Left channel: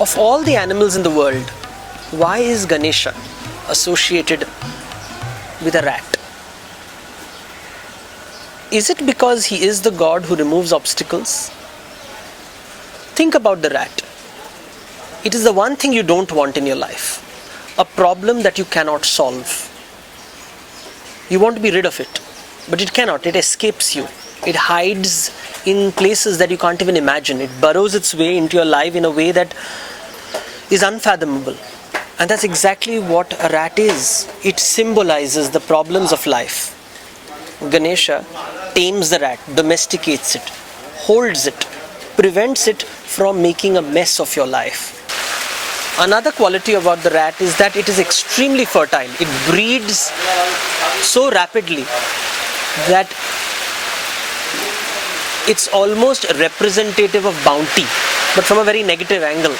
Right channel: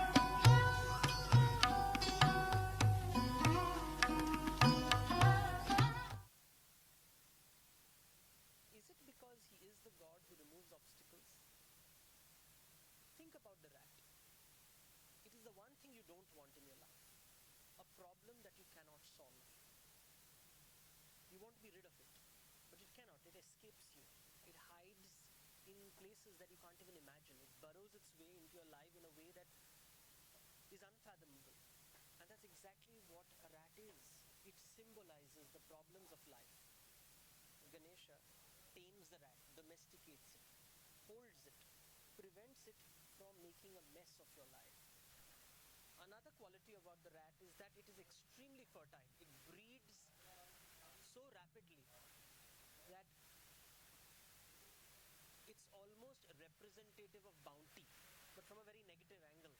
Of all the animals in the world, why is Ganesha associated with a rat? Is it because he is the god who removes obstacles? Think about the rat. It is the one thing you don't want in your life. A problem that you cannot solve. You want to be rid of it, but it cannot. It escapes you. It hides in places that you can't even imagine. It burrows its way into your life in a way that is unfathomable. And that's exactly what a rat is. It symbolizes the problems of life. Ganesha tames the rat, domesticates it, holds it, prevents it from making a mess of your life. Another quality about the rat is that it is extremely fertile. It breeds so rapidly that it's almost representative of bounty, but from a very negative angle.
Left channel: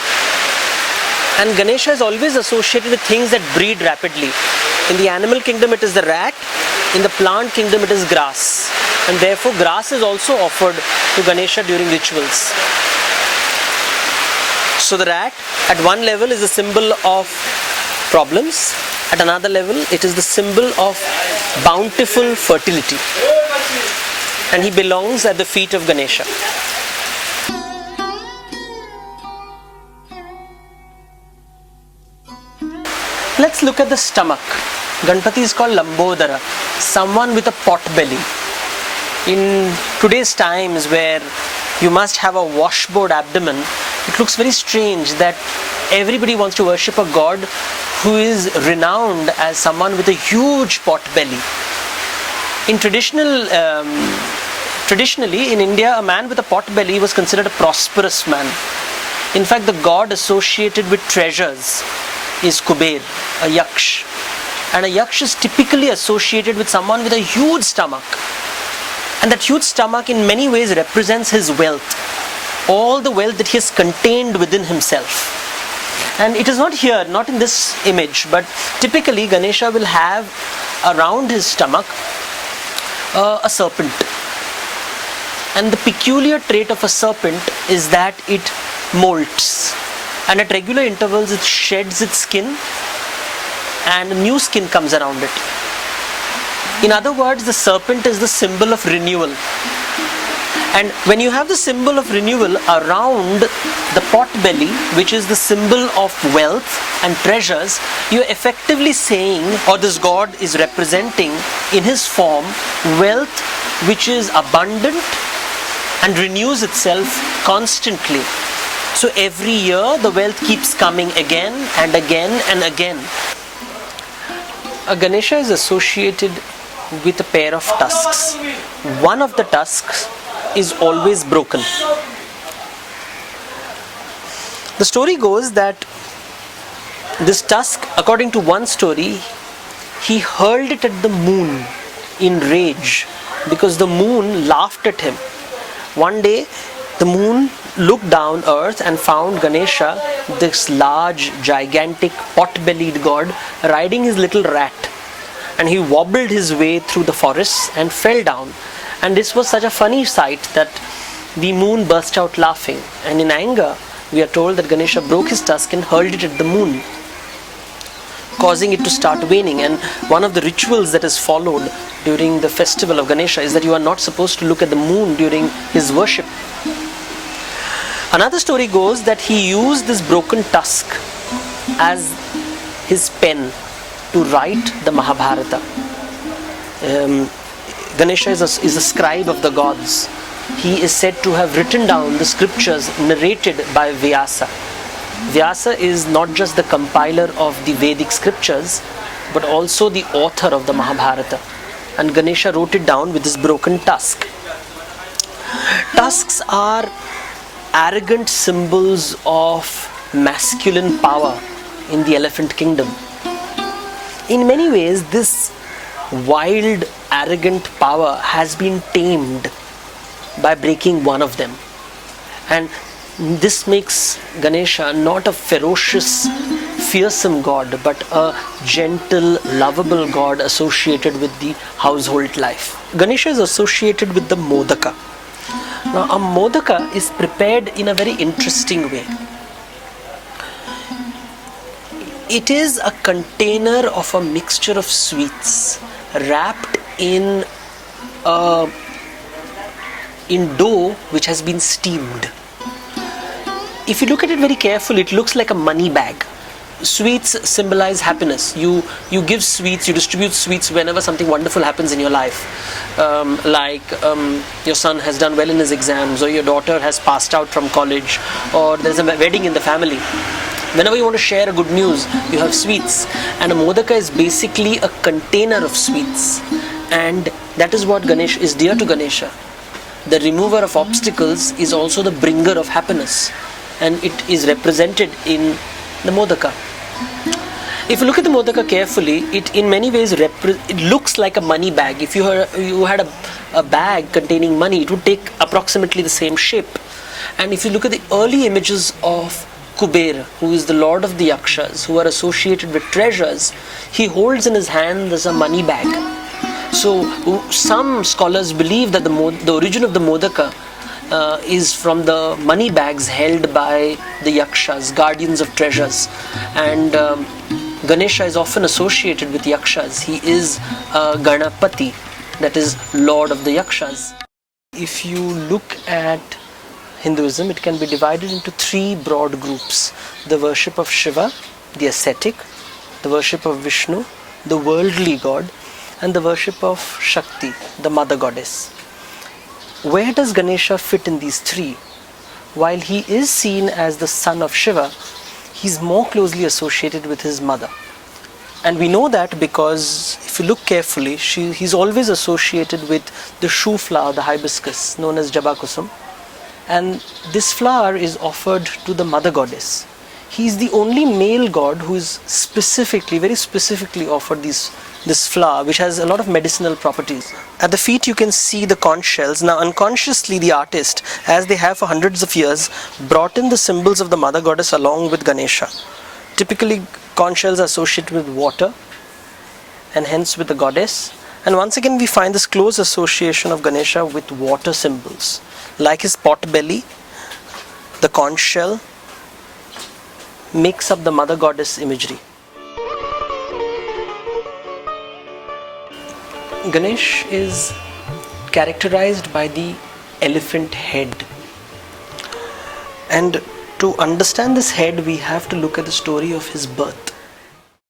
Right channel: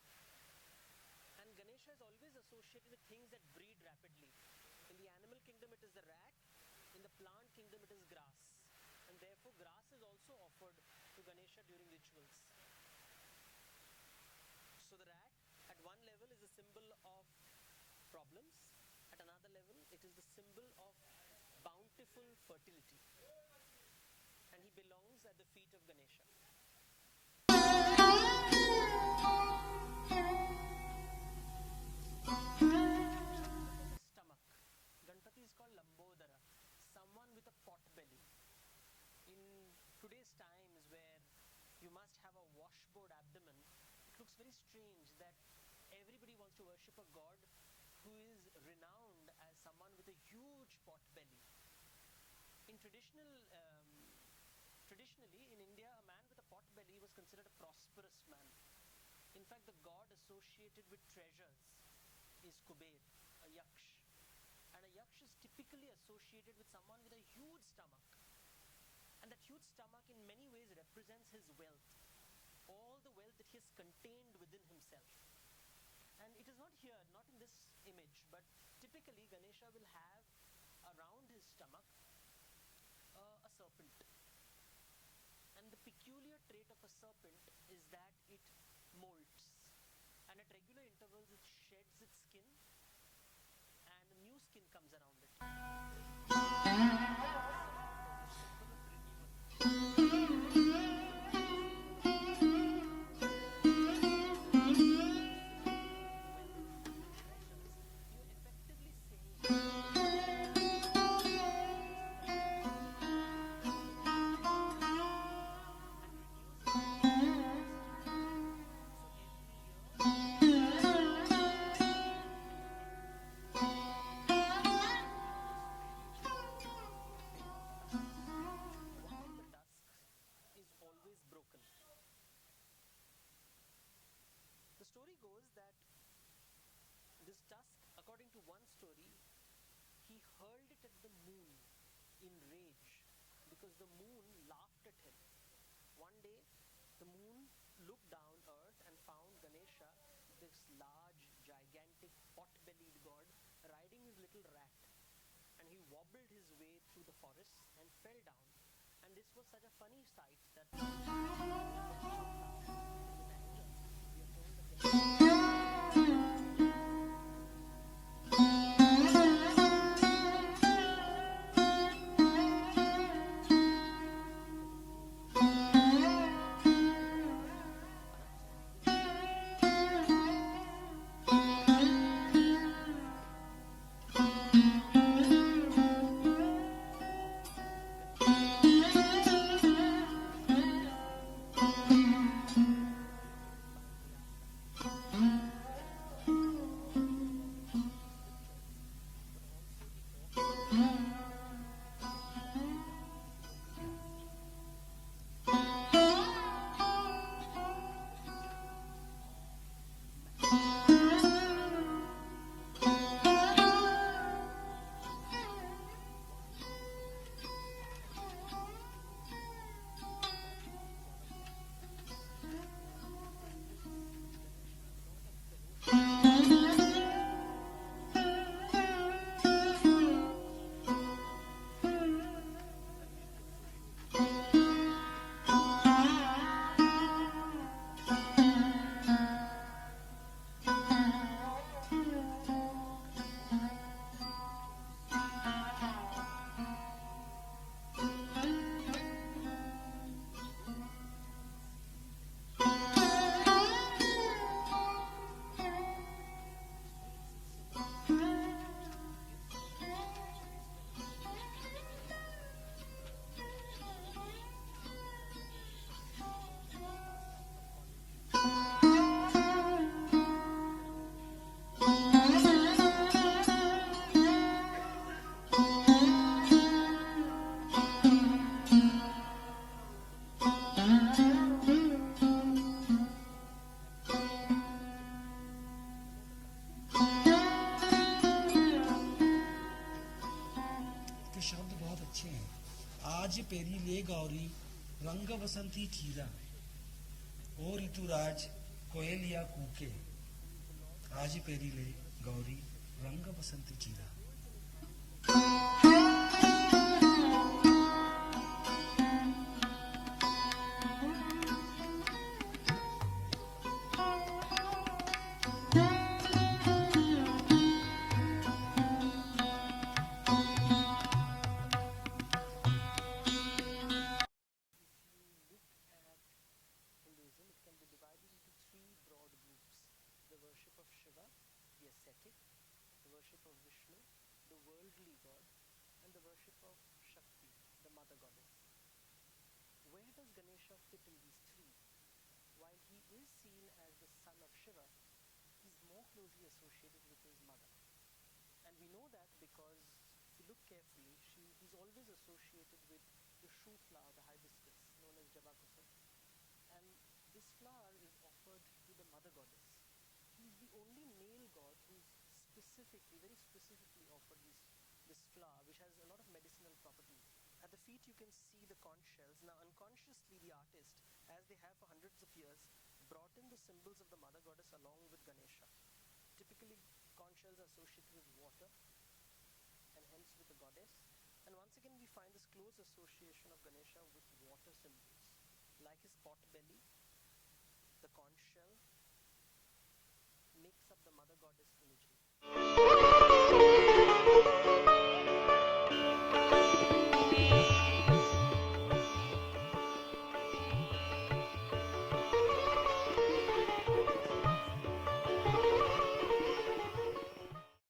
And Ganesha is always associated with things that breed rapidly. In the animal kingdom it is the rat, in the plant kingdom it is grass. And therefore grass is also offered to Ganesha during rituals. So the rat at one level is a symbol of problems, at another level it is the symbol of bountiful fertility. And he belongs at the feet of Ganesha. Let's look at the stomach. Ganpati is called Lambodara, someone with a pot belly. In today's times where you must have a washboard abdomen, it looks very strange that everybody wants to worship a god who is renowned as someone with a huge pot belly. Traditionally in India, a man with a pot belly was considered a prosperous man. In fact, the god associated with treasures is Kuber, a yaksh. And a yaksh is typically associated with someone with a huge stomach. And that huge stomach in many ways represents his wealth. All the wealth that he has contained within himself. And it is not here, not in this image, but typically Ganesha will have around his stomach a serpent. And the peculiar trait of a serpent is that it molts. And at regular intervals it sheds its skin and new skin comes around it. In other words, the serpent is the symbol of renewal. And when you have the symbol of renewal around the pot belly, which is the symbol of wealth and treasures, you're effectively saying, or this god is representing in his form, wealth which is abundant and renews itself constantly. So every year the wealth keeps coming again and again and again. A Ganesha is associated with a pair of tusks. One of the tusks is always broken. The story goes that this tusk, according to one story, he hurled it at the moon in rage because the moon laughed at him. One day the moon looked down earth and found Ganesha, this large, gigantic, pot-bellied god, riding his little rat. And he wobbled his way through the forests and fell down. And this was such a funny sight that the moon burst out laughing. And in anger, we are told that Ganesha broke his tusk and hurled it at the moon, causing it to start waning. And one of the rituals that is followed during the festival of Ganesha is that you are not supposed to look at the moon during his worship. Another story goes that he used this broken tusk as his pen to write the Mahabharata. Ganesha is a scribe of the gods. He is said to have written down the scriptures narrated by Vyasa. Vyasa is not just the compiler of the Vedic scriptures, but also the author of the Mahabharata. And Ganesha wrote it down with his broken tusk. Tusks are arrogant symbols of masculine power in the elephant kingdom. In many ways, this wild, arrogant power has been tamed by breaking one of them. And this makes Ganesha not a ferocious, fearsome god, but a gentle, lovable god associated with the household life. Ganesha is associated with the modaka. Now, a modaka is prepared in a very interesting way. It is a container of a mixture of sweets wrapped in dough which has been steamed. If you look at it very carefully, it looks like a money bag. Sweets symbolize happiness. You give sweets, you distribute sweets whenever something wonderful happens in your life. Your son has done well in his exams, or your daughter has passed out from college, or there's a wedding in the family. Whenever you want to share a good news, you have sweets. And a modaka is basically a container of sweets. And that is what Ganesh is dear to Ganesha. The remover of obstacles is also the bringer of happiness. And it is represented in the modaka. If you look at the modaka carefully, it in many ways it looks like a money bag. If you had a bag containing money, it would take approximately the same shape. And if you look at the early images of Kuber, who is the lord of the yakshas, who are associated with treasures, he holds in his hand as a money bag. So some scholars believe that the origin of the modaka is from the money bags held by the yakshas, guardians of treasures. And Ganesha is often associated with yakshas. He is Ganapati, that is lord of the yakshas. If you look at Hinduism, it can be divided into three broad groups: the worship of Shiva, the ascetic; the worship of Vishnu, the worldly god; and the worship of Shakti, the mother goddess. Where does Ganesha fit in these three? While he is seen as the son of Shiva, he is more closely associated with his mother. And we know that because if you look carefully, he's always associated with the shoe flower, the hibiscus, known as Jabakusum. And this flower is offered to the mother goddess. He is the only male god who is very specifically offered this flower, which has a lot of medicinal properties. At the feet you can see the conch shells. Now unconsciously the artist, as they have for hundreds of years, brought in the symbols of the mother goddess along with Ganesha. Typically conch shells are associated with water and hence with the goddess. And once again we find this close association of Ganesha with water symbols. Like his Potbelly, the conch shell makes up the mother goddess imagery. Ganesh is characterized by the elephant head. And to understand this head, we have to look at the story of his birth.